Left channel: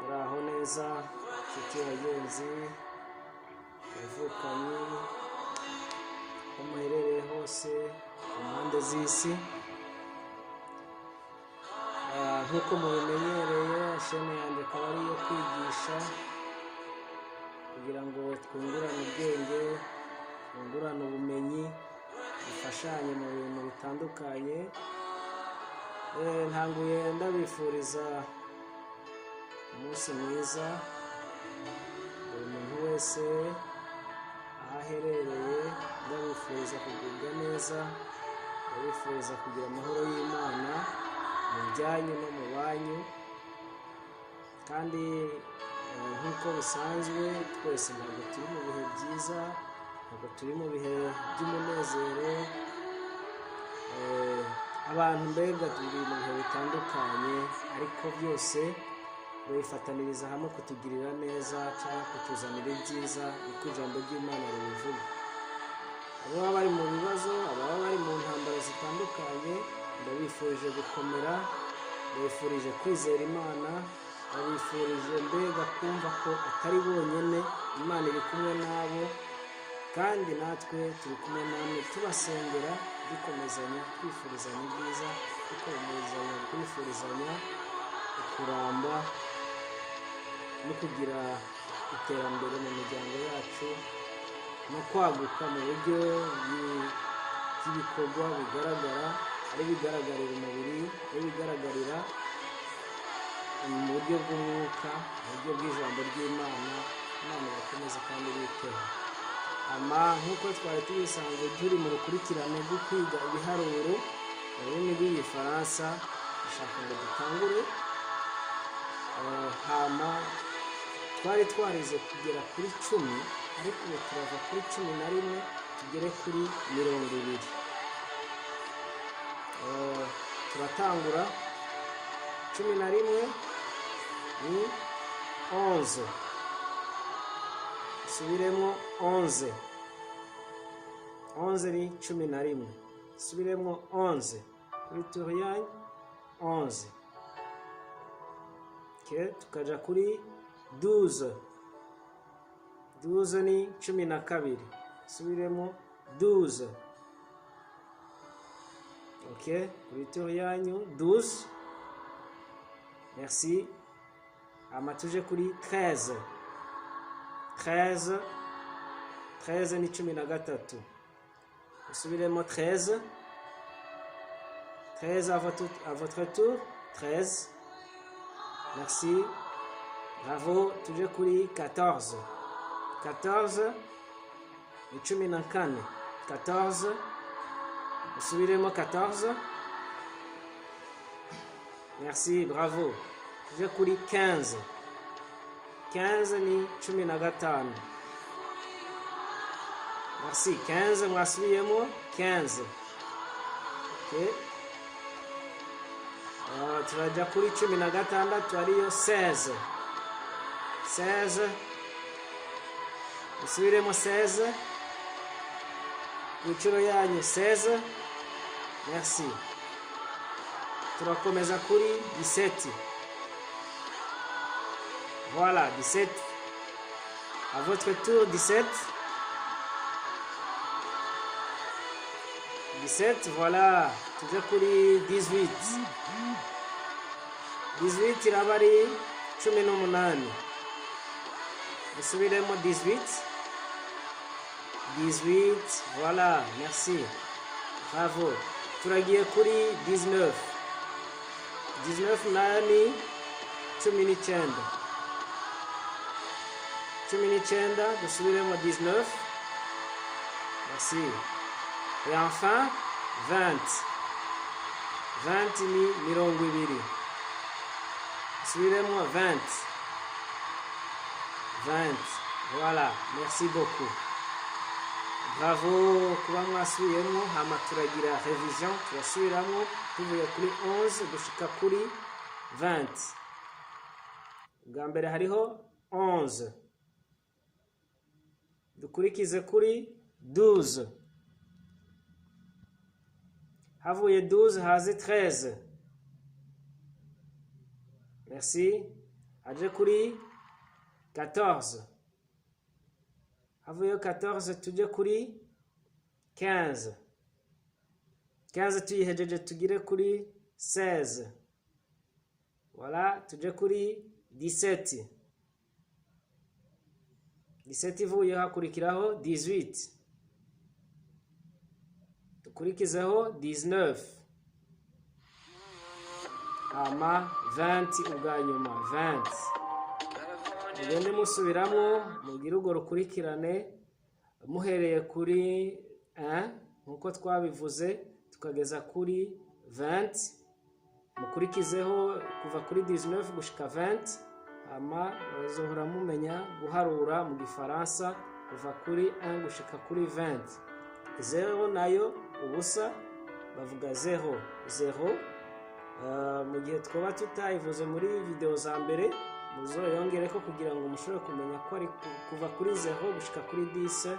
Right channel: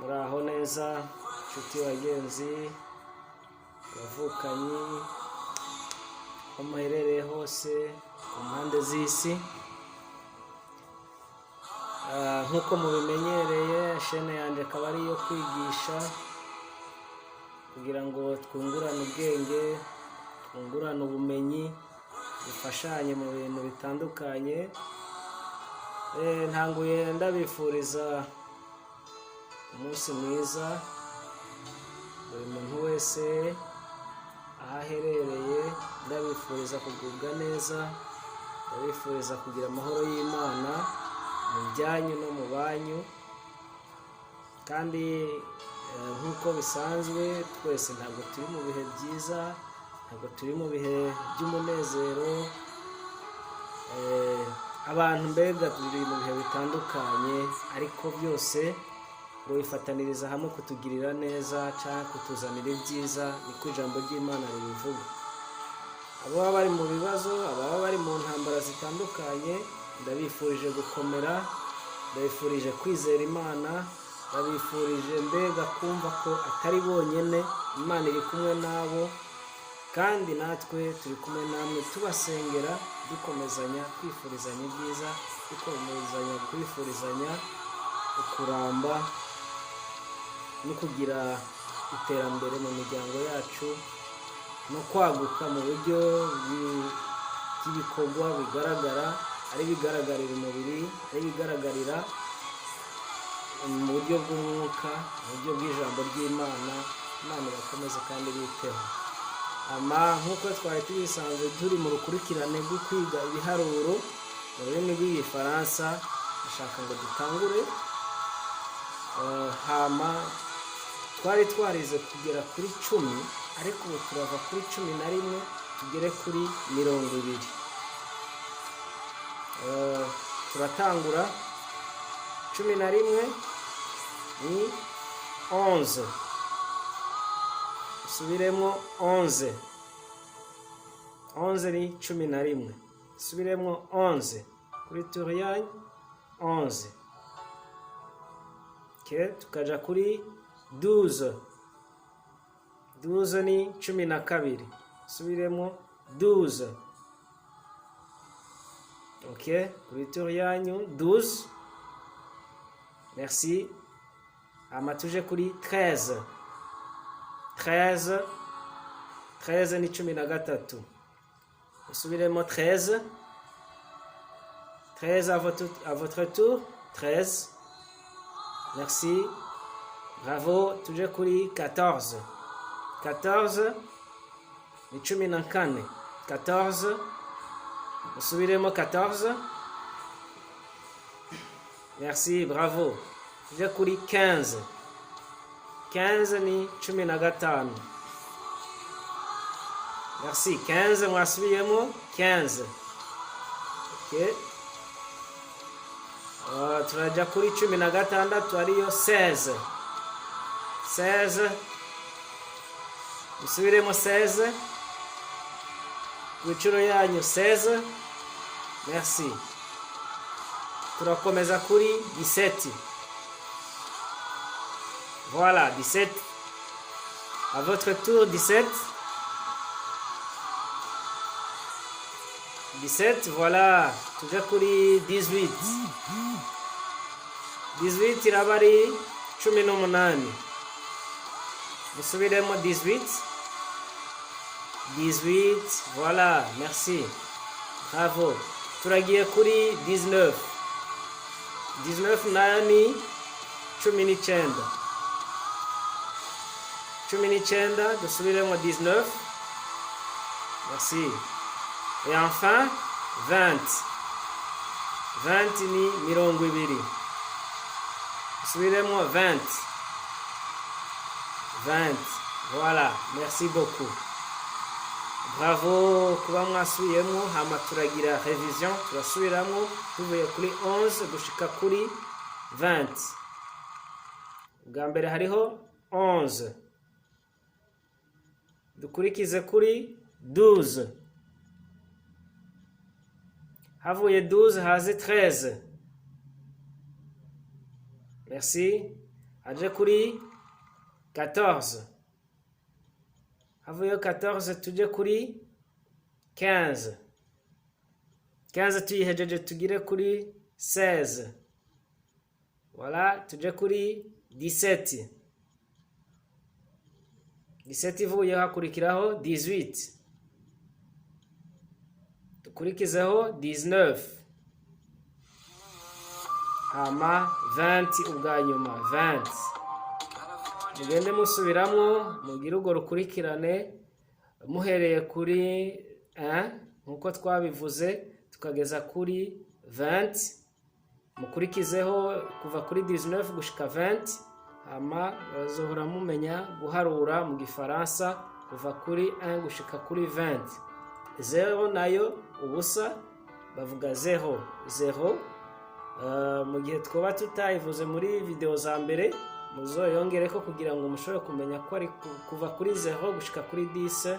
muraho neza nshuti bagenzi bavukanyi aho muherereye hose ku mpande z'isi. Nk'uko mubimenyereye shene yanjye akaba ari iyo kwigisha kugira ngo twungurane ubwenge, twungurane ubumenyi, dufashanye mu bintu bitandukanye. Ntanguye ndabifuriza umunsi mwiza buri muntu wese aho aherereye, ndabifuriza kugubwa neza, ndabifuriza kugira amahoro y'Imana mu byanyu no mu banyu. Kandi nk'uko bisanzwe twese ntabwo turi mu bihe byiza, ntabwo turi mu bihe by'umunezero, abantu mbega turi mu bihe bitandukanye, ariko byose ngo bifataniriza hamwe kutugirira neza cyangwa kutuzanira ibyiza, niko ijambo ry'Imana ribivuga. Ababa bari mu bibazo, ababa bari mu ntambara zitandukanye, ndabifurije gukomera, ndabifurije kwizera Imana, ndabifurije mbega kumva ko atari bonyine, Imana iri kumwe nabo, kandi natwe turi kumwe namwe tubasengera, dukomezanya kwifurizanya ibyiza, dukomezanya kwifurizanya ukuramba no kugira iterambere mu miryango yacu no kwaguka mu buryo bw'ibikorwa bigaragara, ari bigaragarira umubiri, ari bigaragarira mu buryo bw'umwuka, mu buryo bw'ijambo ry'Imana. Imana irakomeze kandi biteho. Nk'uko twari tubisanzwe turi mu rukurikirane rwo kwiga ibiharuro mu rurimi rw'igifaransa, dushaka ngo dutangure. Twari twarize kugera kuri 10, ariko ubu turava kuri 11 tugere kuri 20. Turatangura 11 ni 11, subiremo 11, 11 ni 11, subiremo 11 kuri turiyanyu 11. Tukaja kuri 12, 12 ni 12, subiremo 12. Kuri turiyanyu 12, merci. Tuje kuri 13, 13, 13 ni 13, subiremo 13, 13 à votre tour, 13, merci, bravo. Tuje kuri 14, 14 ni 14, 14, subiremo 14, merci, bravo. Tuje kuri 15, 15 ni 15, merci, 15 mwasubiyemo 15. Turaja kuri 16 ariyo 16, 16, musubiremo 16 inshuro yanyu 16, merci. Turakomeza kuri 17, voilà 17, à votre tour 17, 17, voilà. Tujya kuri 18, 18 iraba ari 18, dusubiremo 18, 18, voilà, merci, bravo. Turagiye kuri 19, 19 nayo ni 19, 19, dusubiremo 19, merci. Et enfin 20, 20 ni 20, subiremo 20, 20, voilà, merci beaucoup, bravo kuba mwasubiyemo. Hama turagira revision, turasubiramo tuvuye kuri 11 gushika kuri 20. Bwa mbere hariho 11, dukurikize kuri 12, havuye 12 haze 13, merci. aje kuri 14. Havuyeho 14 tujye kuri 15. 15 tuyihejeje tugire kuri 16. Voilà, tujye kuri 17. 17 ivuyeho hakurikiraho 18. Dukurikizeho 19. Hama 20 ubwa nyuma 20. Mugende musubiramo mugire urwo rukurikirane muhereye kuri 1 nkuko twabivuze tukageza kuri 20. Mukurikizeho kuva kuri 19 gushika 20. Hama bazohora mumenya guharura mu gifaransa kuva kuri 1 gushika kuri 20. 0 nayo ubusa bavuga 0 0. Mu gihe twoba tutayivuze muri video za mbere muzoyongereko kugira ngo mushobore kumenya ko ari kuva kuri 0 gushika kuri 10.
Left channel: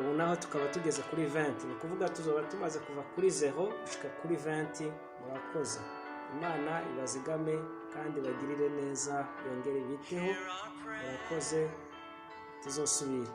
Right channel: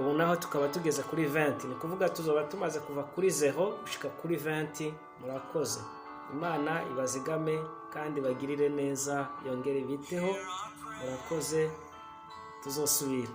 Ubu naho tukaba tugeze kuri 20, ni kuvuga tuzoba tumaze kuva kuri 0 gushika kuri 20. Murakoze, Imana ibazigame kandi bagirire neza, yongere biteho. Murakoze, tuzosubira.